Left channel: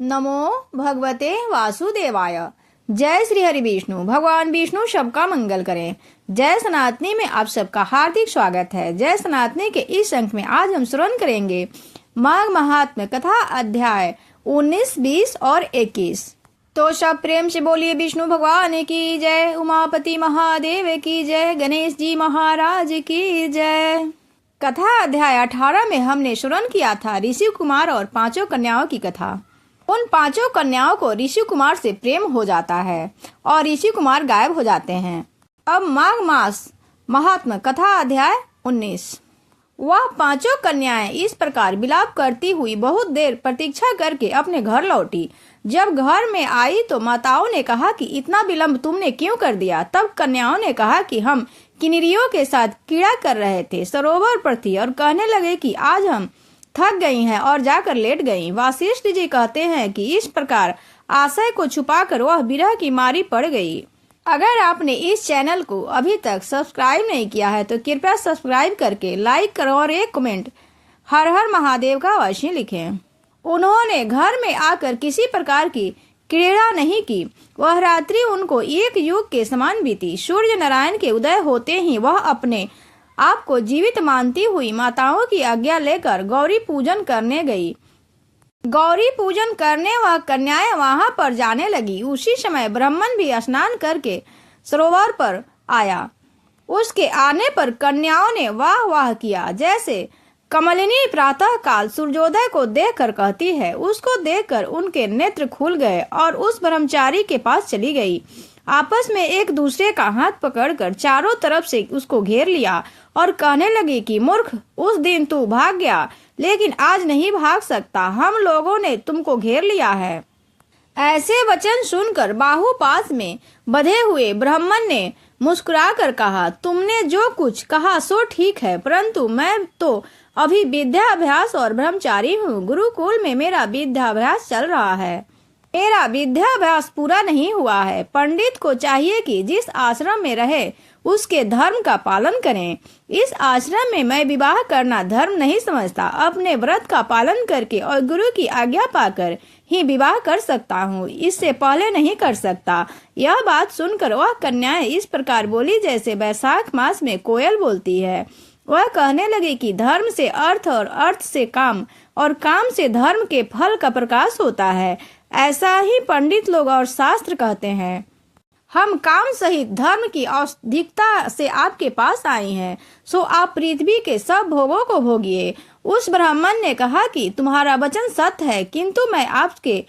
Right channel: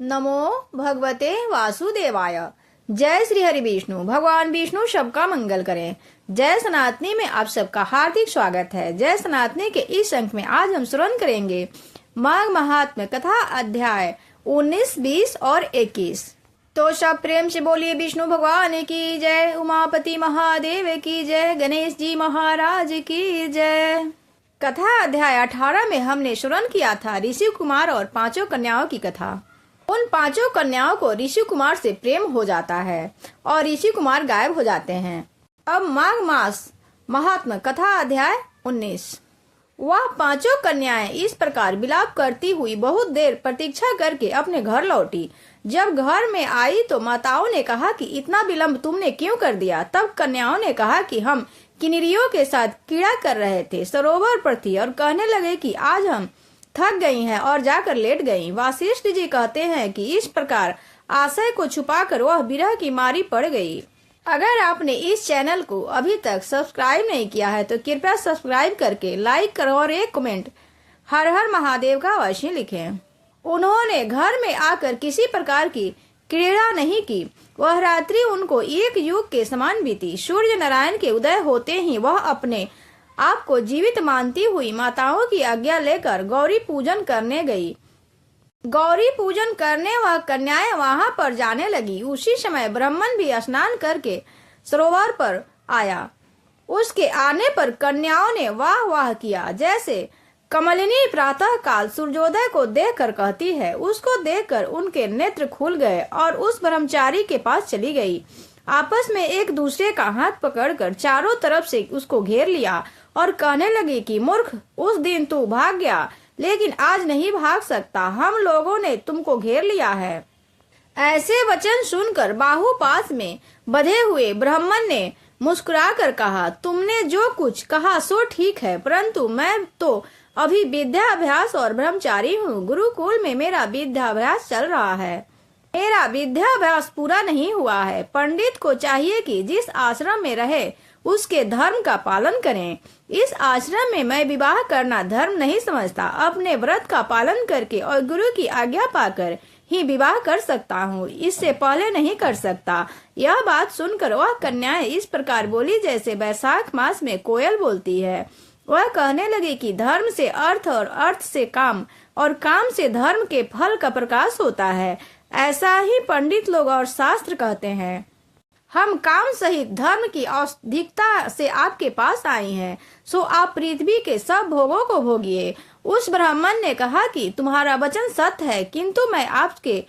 नमो भगवते वासुदेवाय। जय श्री हरि विष्णु। भगवान विष्णु सबका मंगल करें। जय सनातनी में आप सबका हार्दिक स्वागत है। जय सनातनी के इस अंक में आज हम श्रवण करेंगे माघ महात्म्य कथा अध्याय 19, 20 और 21। तो सब प्रेम से बोलिए विष्णु भगवान की जय, उमापति महादेव की जय, गणेश जी महाराज की जय। कथा अध्याय 18 में हमने श्रवण किया था ऋषि कुमार और 5 कन्याओं की कथा। उन 5 कन्याओं को ऋषि कुमार से प्रेम हो जाता है और ऋषि कुमार गायब हो जाते हैं। अब माघ मास महात्म्य कथा अध्याय 19। वह 5 कन्याएं इस प्रकार विलाप करती हुई बहुत देर प्रतीक्षा करके अपने घर लौटी। जब घर में आई तो माताओं ने कहा कि इतना विलंब तुमने क्यों कर दिया। तब कन्याओं ने कहा कि हम किन्नरियों के साथ क्रीड़ा कर रहे थे, सरोवर पर थी और कहने लगे कि आज हम थक गई हैं और जाकर लेट गई। वासिष्ठ जी कहते हैं कि इस प्रकार आशय को छुपाकर वह विरह की मारी पड़ गई। अगर आपने इस चैनल को अभी तक सब्सक्राइब नहीं किया है तो कृपया सब्सक्राइब करके लाइक करो और एक कमेंट हर हर महादेव का अवश्य लिखें। उन्होंने घर में आकर किसी प्रकार की क्रीड़ा नहीं की। वह रात्रि उनको एक युग के समान बीती। सूर्य नारायण के उदय होते ही वह अपने आपको जीवित मानती हुई माताओं की आज्ञा लेकर गौरी पूजन करने गई। गौरी पूजन करने वह कन्याएं वहां पर जाने लगी। उसी समय ब्राह्मण भी स्नान करके सरोवर पर आया। उसके आने पर कन्याओं ने वाह वाह किया। जैसे कमलिनी प्रातः काल सूर्योदय को देखकर कहती है, उसको देखकर उनके नेत्र खुल गए और उस ब्रह्मचारी के पास चली गई। आपस में एक दूसरे का हाथ पकड़कर चारों तरफ से उसको घेर लिया और कहने लगी कि मूर्ख, उस दिन तू भाग गया लेकिन आज नहीं भाग सकता। हम लोगों ने तुमको घेर लिया है। ऐसे वचन सुनकर बाहुपास में बंधे हुए ब्राह्मण ने मुस्कुराकर कहा, तुमने जो कुछ कहा सो ठीक है, परंतु मैं तो अभी विद्याभ्यास और ब्रह्मचारी हूँ। गुरुकुल में मेरा विद्याभ्यास चल रहा है। मेरा विद्याभ्यास पूरा नहीं हुआ है। पंडित को चाहिए कि जिस आश्रम में रहे उसके धर्म का पालन करें। इस आश्रम में मैं विवाह करना धर्म नहीं समझता। अपने व्रत का पालन करके और गुरु की आज्ञा पाकर ही विवाह कर सकता हूँ, इससे पहले नहीं कर सकता। यह बात सुनकर वह कन्याएं इस प्रकार बोली जैसे बैसाख मास में कोयल बोलती है। वह कहने लगी कि धर्म से अर्थ और अर्थ से काम और काम से धर्म के फल का प्रकाश होता है। ऐसा ही पंडित लोग और शास्त्र कहते हैं। हम काम सहित धर्म की औषधिकता से आपके पास आए हैं, सो आप पृथ्वी के सब भोगों को भोगिए। उस ब्राह्मण ने कहा कि तुम्हारा वचन सत्य है, किंतु मैं आपके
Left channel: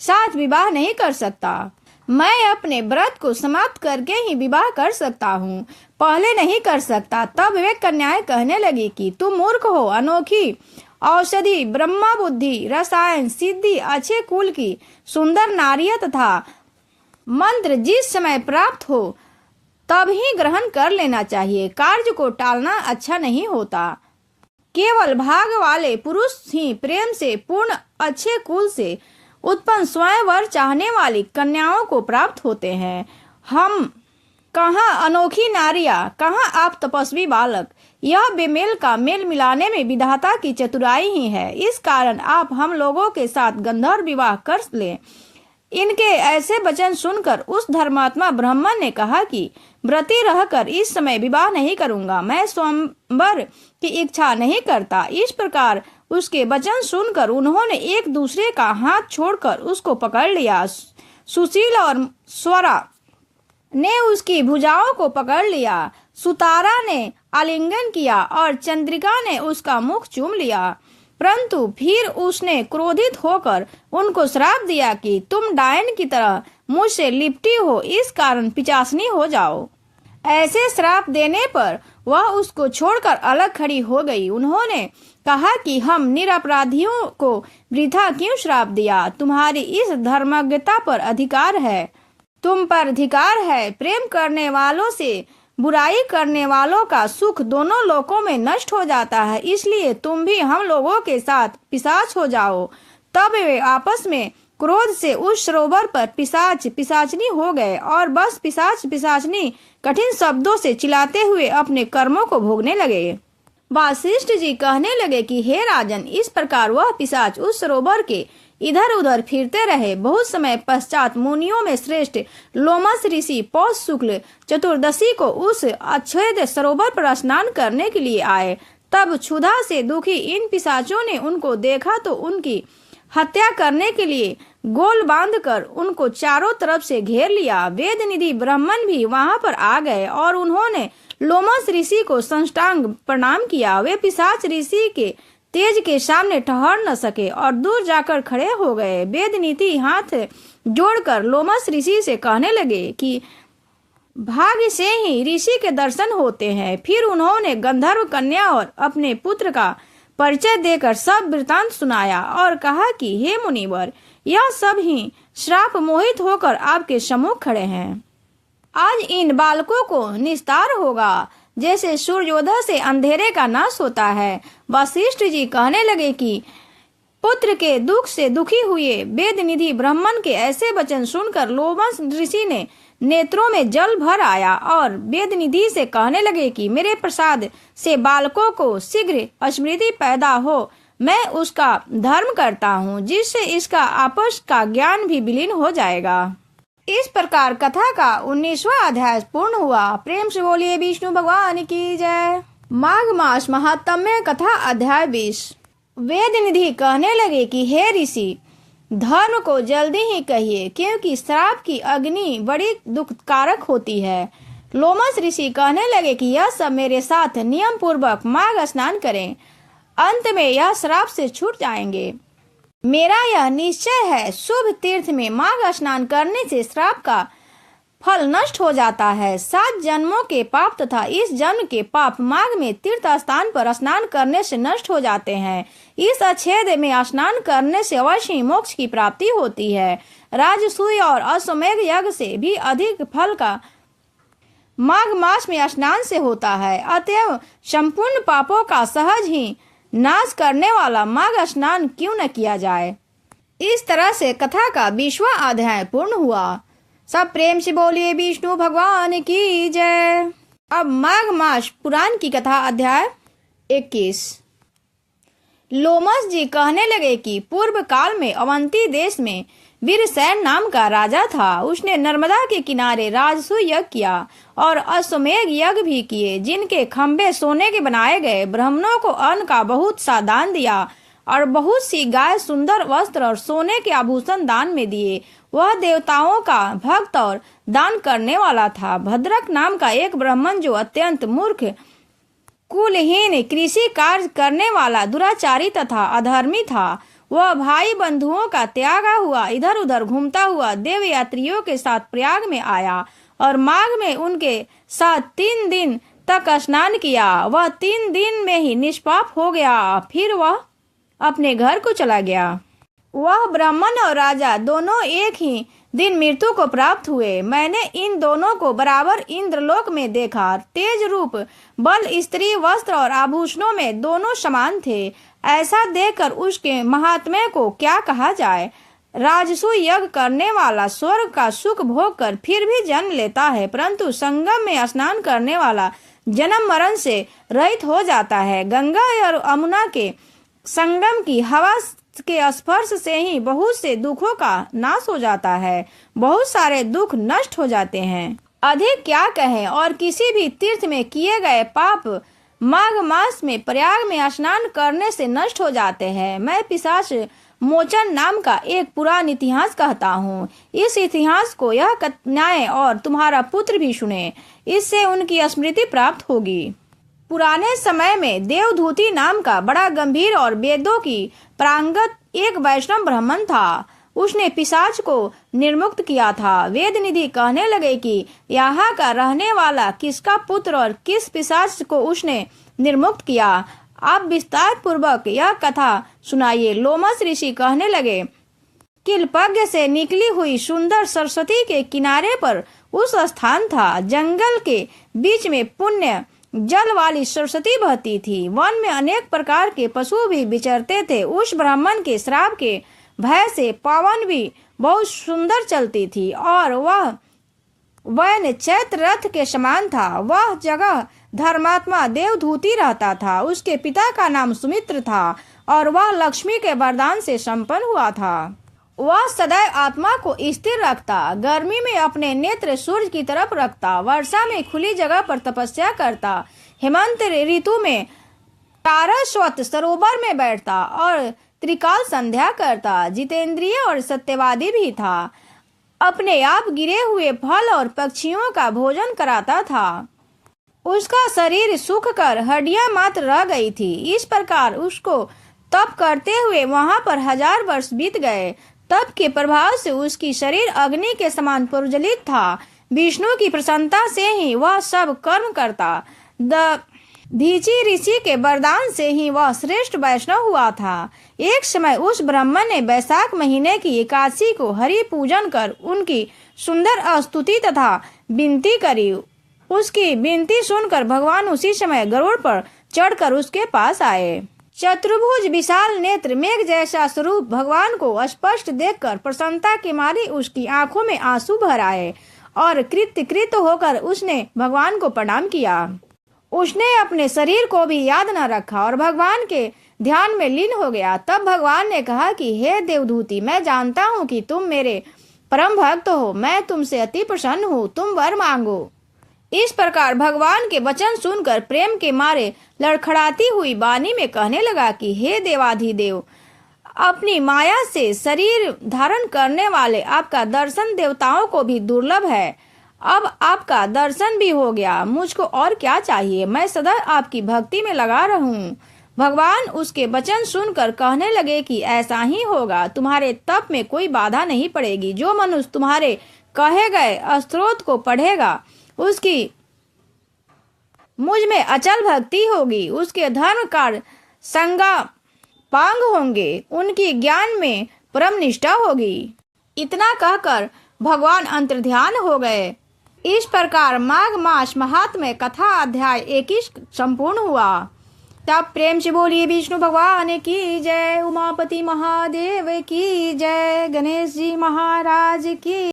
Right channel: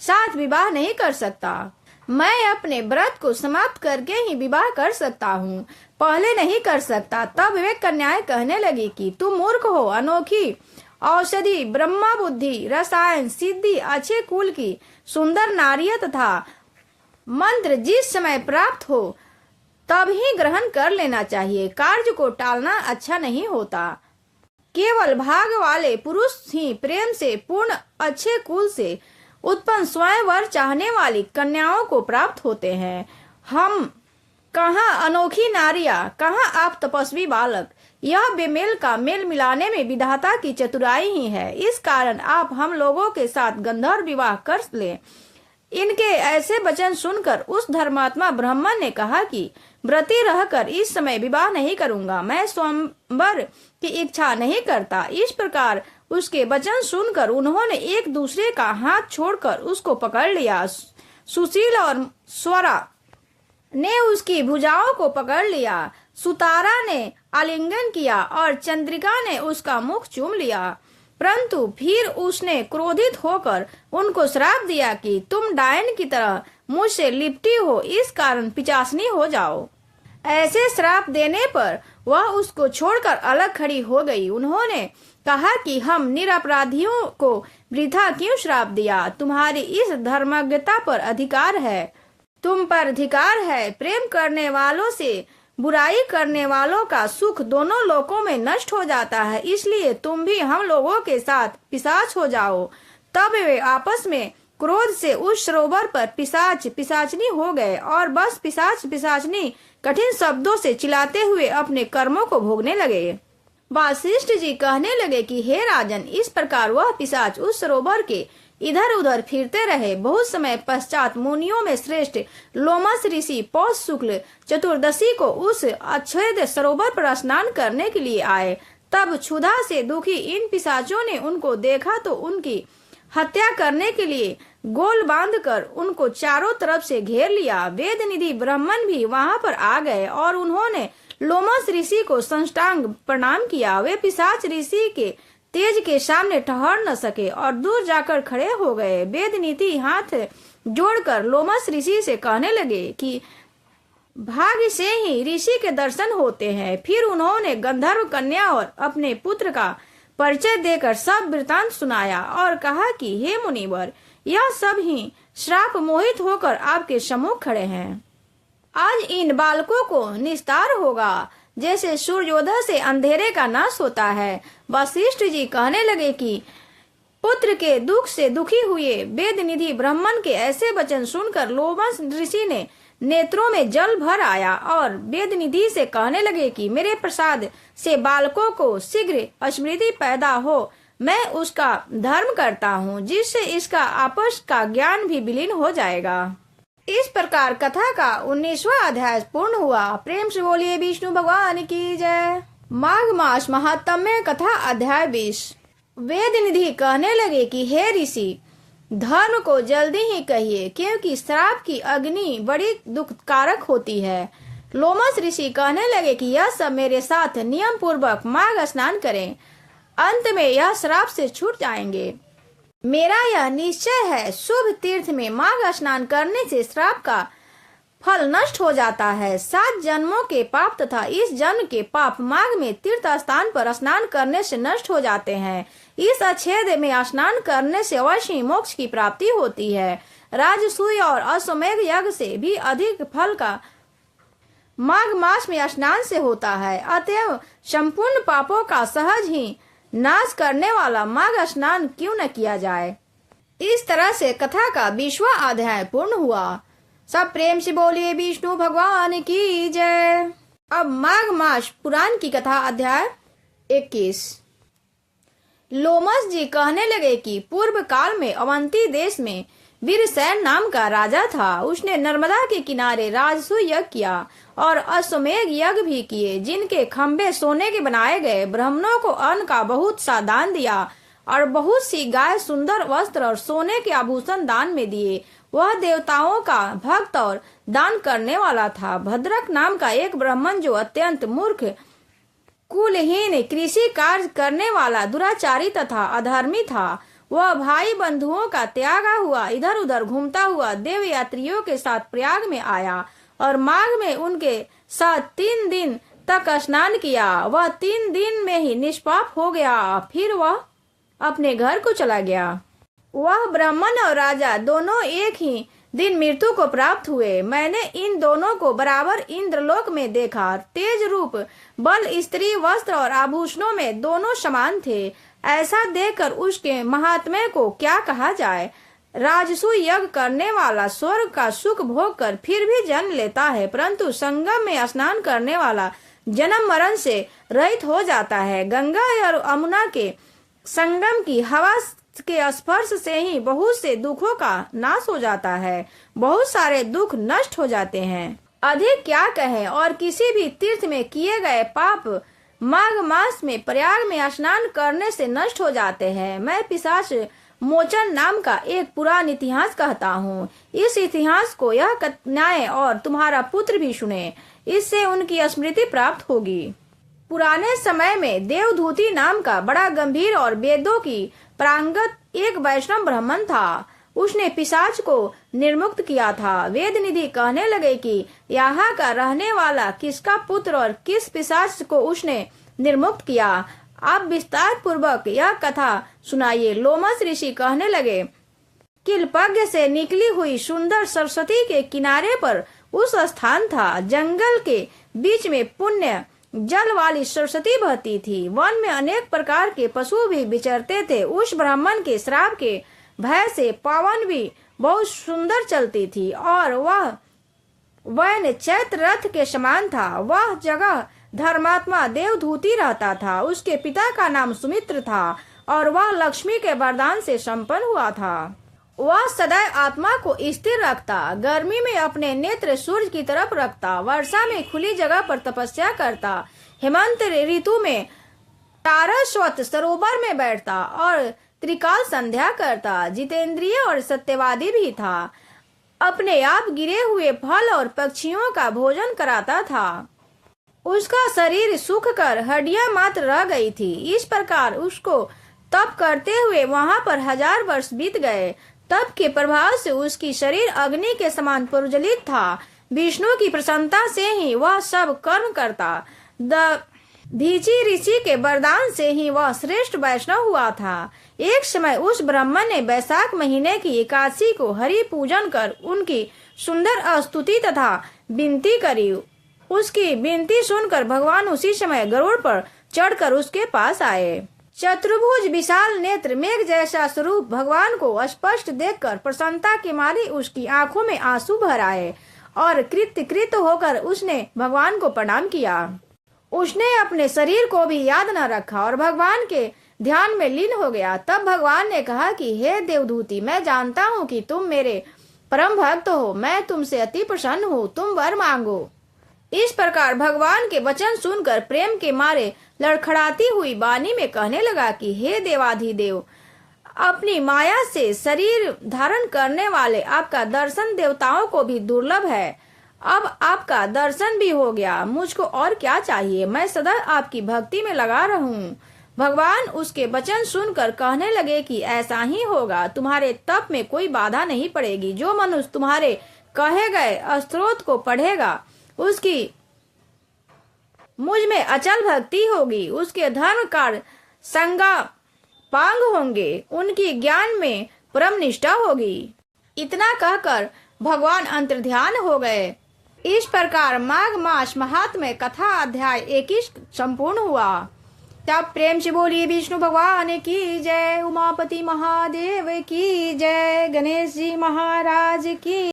साथ विवाह नहीं कर सकता। मैं अपने व्रत को समाप्त करके ही विवाह कर सकता हूँ, पहले नहीं कर सकता। तब वे कन्याएं कहने लगी कि तुम मूर्ख हो। अनोखी औषधि, ब्रह्मा बुद्धि, रसायन, सिद्धि, अच्छे कुल की सुंदर नारियां तथा मंत्र जिस समय प्राप्त हो तब ही ग्रहण कर लेना चाहिए। कार्य को टालना अच्छा नहीं होता। केवल भाग वाले पुरुष ही प्रेम से पूर्ण अच्छे कुल से उत्पन्न स्वयंवर चाहने वाली कन्याओं को प्राप्त होते हैं। हम कहाँ अनोखी नारियां, कहाँ आप तपस्वी बालक। यह बेमेल का मेल मिलाने में विधाता की चतुराई ही है। इस कारण आप हम लोगों के साथ गंधर्व विवाह कर ले। इनके ऐसे वचन सुनकर उस धर्मात्मा ब्राह्मण ने कहा कि व्रती रहकर इस समय विवाह नहीं करूंगा, मैं स्वयंवर की इच्छा नहीं करता। इस प्रकार उसके वचन सुनकर उन्होंने एक दूसरे का हाथ छोड़कर उसको पकड़ लिया। सुशील और स्वरा ने उसकी भुजाओं को पकड़ लिया। सुतारा ने आलिंगन किया और चंद्रिका ने उसका मुख चूम लिया। परंतु फिर उसने क्रोधित होकर उनको श्राप दिया कि तुम डायन की तरह मुझसे लिपटी हो, इस कारण पिचासनी हो जाओ। ऐसे श्राप देने पर वह उसको छोड़कर अलग खड़ी हो गई। उन्होंने कहा कि हम निरपराधियों को वृथा क्यों श्राप दिया। तुम्हारी इस धर्मज्ञता पर अधिकार है, तुम पर अधिकार है। प्रेम करने वालों से बुराई करने वालों का सुख दोनों लोकों में नष्ट हो जाता है, इसलिए तुम भी हम लोगों के साथ पिशाच हो जाओ। तब वे आपस में क्रोध से उस सरोवर पर पिशाच पिशाचनी हो गए और बस पिशाच पिशाचनी कठिन शब्दों से चिल्लाते हुए अपने कर्मों को भोगने लगे। वासिष्ठ जी कहने लगे कि हे राजन, इस प्रकार वह पिशाच उस सरोवर के इधर उधर फिरते रहे। बहुत समय पश्चात मुनियों में श्रेष्ठ लोमस ऋषि पौष शुक्ल चतुर्दशी को उस अक्षेद सरोवर पर स्नान करने के लिए आए। तब क्षुधा से दुखी इन पिशाचों ने उनको देखा तो उनकी हत्या करने के लिए गोल बांधकर उनको चारों तरफ से घेर लिया। वेद निधि ब्राह्मण भी वहां पर आ गए और उन्होंने लोमस ऋषि को साष्टांग प्रणाम किया। वे पिशाच ऋषि के तेज के सामने ठहर न सके और दूर जाकर खड़े हो गए। वेद नीति हाथ जोड़कर लोमस ऋषि से कहने लगे कि भाग्य से ही ऋषि के दर्शन होते हैं। फिर उन्होंने गंधर्व कन्या और अपने पुत्र का परिचय देकर सब वृतांत सुनाया और कहा कि हे मुनिवर, यह सब ही श्राप मोहित होकर आपके सम्मुख खड़े हैं। आज इन बालकों को निस्तार होगा जैसे सूर्योदय से अंधेरे का नाश होता है। वशिष्ठ जी कहने लगे कि पुत्र के दुख से दुखी हुए वेद निधि ब्राह्मण के ऐसे वचन सुनकर लोमस ऋषि ने नेत्रों में जल भर आया और वेद निधि से कहने लगे कि मेरे प्रसाद से बालकों को शीघ्र स्मृति पैदा हो, मैं उसका धर्म करता हूँ, जिससे इसका आपस का ज्ञान भी विलीन हो जाएगा। इस प्रकार कथा का 19वां अध्याय पूर्ण हुआ। प्रेम से बोलिए विष्णु भगवान की जय। माघ मास महात्म्य कथा अध्याय 20। वेद निधि कहने लगे कि हे ऋषि, धर्म को जल्दी ही कहिए, क्योंकि श्राप की अग्नि बड़ी दुखकारक होती है। लोमस ऋषि कहने लगे कि यह सब मेरे साथ नियम पूर्वक माघ स्नान करें, अंत में यह श्राप से छूट जाएंगे। मेरा यह निश्चय है, शुभ तीर्थ में माघ स्नान करने से श्राप का फल नष्ट हो जाता है। 7 जन्मों के पाप तथा इस जन्म के पाप माघ में तीर्थ स्थान पर स्नान करने से नष्ट हो जाते हैं। इस अक्षेद में स्नान करने से अवश्य ही मोक्ष की प्राप्ति होती है। राजसूय और अश्वमेध यज्ञ से भी अधिक फल का माघ मास में स्नान से होता है। अतएव संपूर्ण पापों का सहज ही नाश करने वाला माघ स्नान क्यों न किया जाए। इस तरह से कथा का 20वां अध्याय पूर्ण हुआ। सब प्रेम से बोलिए विष्णु भगवान की जय। अब माघ मास पुराण की कथा अध्याय 21। लोमस जी कहने लगे कि पूर्व काल में अवंती देश में वीरसेन नाम का राजा था। उसने नर्मदा के किनारे राजसूय यज्ञ किया और अश्वमेध यज्ञ भी किए, जिनके खंभे सोने के बनाए गए। ब्राह्मणों को अन्न का बहुत सा दान दिया और बहुत सी गाय, सुंदर वस्त्र और सोने के आभूषण दान में दिए। वह देवताओं का भक्त और दान करने वाला था। भद्रक नाम का एक ब्राह्मण, जो अत्यंत मूर्ख, कुलहीन, कृषि कार्य करने वाला, दुराचारी तथा अधर्मी था, वह भाई बंधुओं का त्यागा हुआ इधर उधर घूमता हुआ देव यात्रियों के साथ प्रयाग में आया और माघ में उनके साथ 3 दिन तक स्नान किया। वह 3 दिन में ही निष्पाप हो गया। फिर वह अपने घर को चला गया। वह ब्राह्मण और राजा दोनों एक ही दिन मृत्यु को प्राप्त हुए। मैंने इन दोनों को बराबर इंद्रलोक में देखा। तेज रूप, बल, स्त्री, वस्त्र और आभूषणों में दोनों समान थे। ऐसा देखकर उसके महात्म्य को क्या कहा जाए। राजसूय यज्ञ करने वाला स्वर्ग का सुख भोग कर फिर भी जन्म लेता है, परंतु संगम में स्नान करने वाला जन्म मरण से रहित हो जाता है। गंगा और यमुना के संगम की हवा के स्पर्श से ही बहुत से दुखों का नाश हो जाता है। बहुत सारे दुख नष्ट हो जाते हैं। अधिक क्या कहें, और किसी भी तीर्थ में किए गए पाप माघ मास में प्रयाग में स्नान करने से नष्ट हो जाते हैं। मैं पिशाच मोचन नाम का एक पुरान इतिहास कहता हूँ। इस इतिहास को यह कन्याएं और तुम्हारा पुत्र भी सुने, इससे उनकी स्मृति प्राप्त होगी। पुराने समय में देवधूति नाम का बड़ा गंभीर और वेदों की प्रांगत एक वैष्णव ब्राह्मण था। उसने पिशाच को निर्मुक्त किया था। वेद निधि कहने लगे कि यहाँ का रहने वाला किसका पुत्र और किस पिशाच को उसने निर्मुक्त किया। आप विस्तार पूर्वक यह कथा सुनाइए। लोमस ऋषि कहने लगे, किलपज्ञ से निकली हुई सुंदर सरस्वती के किनारे पर उस स्थान था। जंगल के बीच में पुण्य जल वाली सरस्वती बहती थी। वन में अनेक प्रकार के पशु भी विचरते थे। उस ब्राह्मण के श्राप के भय से पवन भी बहुत सुंदर चलती थी और वह वैन चैत्र रथ के समान था। वह जगह धर्मात्मा देवधूति रहता था। उसके पिता का नाम सुमित्र था और वह लक्ष्मी के वरदान से संपन्न हुआ था। वह सदैव आत्मा को स्थिर रखता, गर्मी में अपने नेत्र सूर्य की तरफ रखता, वर्षा में खुली जगह पर तपस्या करता, हेमंत ऋतु में सारस्वत सरोवर में बैठता और त्रिकाल संध्या करता। जितेंद्रिय और सत्यवादी भी था। अपने आप गिरे हुए फल और पक्षियों का भोजन कराता था। उसका शरीर सूख कर हड्डियां मात्र रह गई थी। इस प्रकार उसको तप करते हुए वहां पर 1000 वर्ष बीत गए। तप के प्रभाव से उसकी शरीर अग्नि के समान प्रज्वलित था। विष्णु की प्रसन्नता से ही वह सब कर्म करता। दधीचि ऋषि के वरदान से ही वह श्रेष्ठ वैष्णव हुआ था। एक समय उस ब्राह्मण ने वैशाख महीने की एकादशी को हरि पूजन कर उनकी सुंदर स्तुति तथा विनती करी। उसकी विनती सुनकर भगवान उसी समय गरुड़ पर चढ़कर उसके पास आए। चतुर्भुज विशाल नेत्र मेघ जैसा स्वरूप भगवान को स्पष्ट देखकर प्रसन्नता के मारे उसकी आंखों में आंसू भर आए और कृत होकर उसने भगवान को प्रणाम किया। उसने अपने शरीर को भी याद न रखा और भगवान के ध्यान में लीन हो गया। तब भगवान ने कहा कि हे देवदूति, मैं जानता हूँ कि तुम मेरे परम भक्त हो। मैं तुमसे अति प्रसन्न हूँ। तुम वर मांगो। इस प्रकार भगवान के वचन सुनकर प्रेम के मारे लड़खड़ाती हुई वाणी में कहने लगा कि हे देवाधिदेव, अपनी माया से शरीर धारण करने वाले आपका दर्शन देवताओं को भी दुर्लभ है। अब आपका दर्शन भी हो गया, मुझको और क्या चाहिए। मैं सदा आपकी भक्ति में लगा रहूं। भगवान उसके वचन सुनकर कहने लगे कि ऐसा ही होगा। तुम्हारे तप में कोई बाधा नहीं पड़ेगी। जो मनुष्य तुम्हारे कहे गए स्तोत्र को पढ़ेगा, उसकी मुझ में अचल भक्ति होगी। उसके धर्म कार्य संगा पांग होंगे। उनकी ज्ञान में परम निष्ठा होगी। इतना कहकर भगवान अंतर्ध्यान हो गए। इस प्रकार माघ मास महात्म्य कथा अध्याय 21 संपूर्ण हुआ। तब प्रेम से बोलिए विष्णु भगवान की जय, उमापति महादेव की जय, गणेश जी महाराज की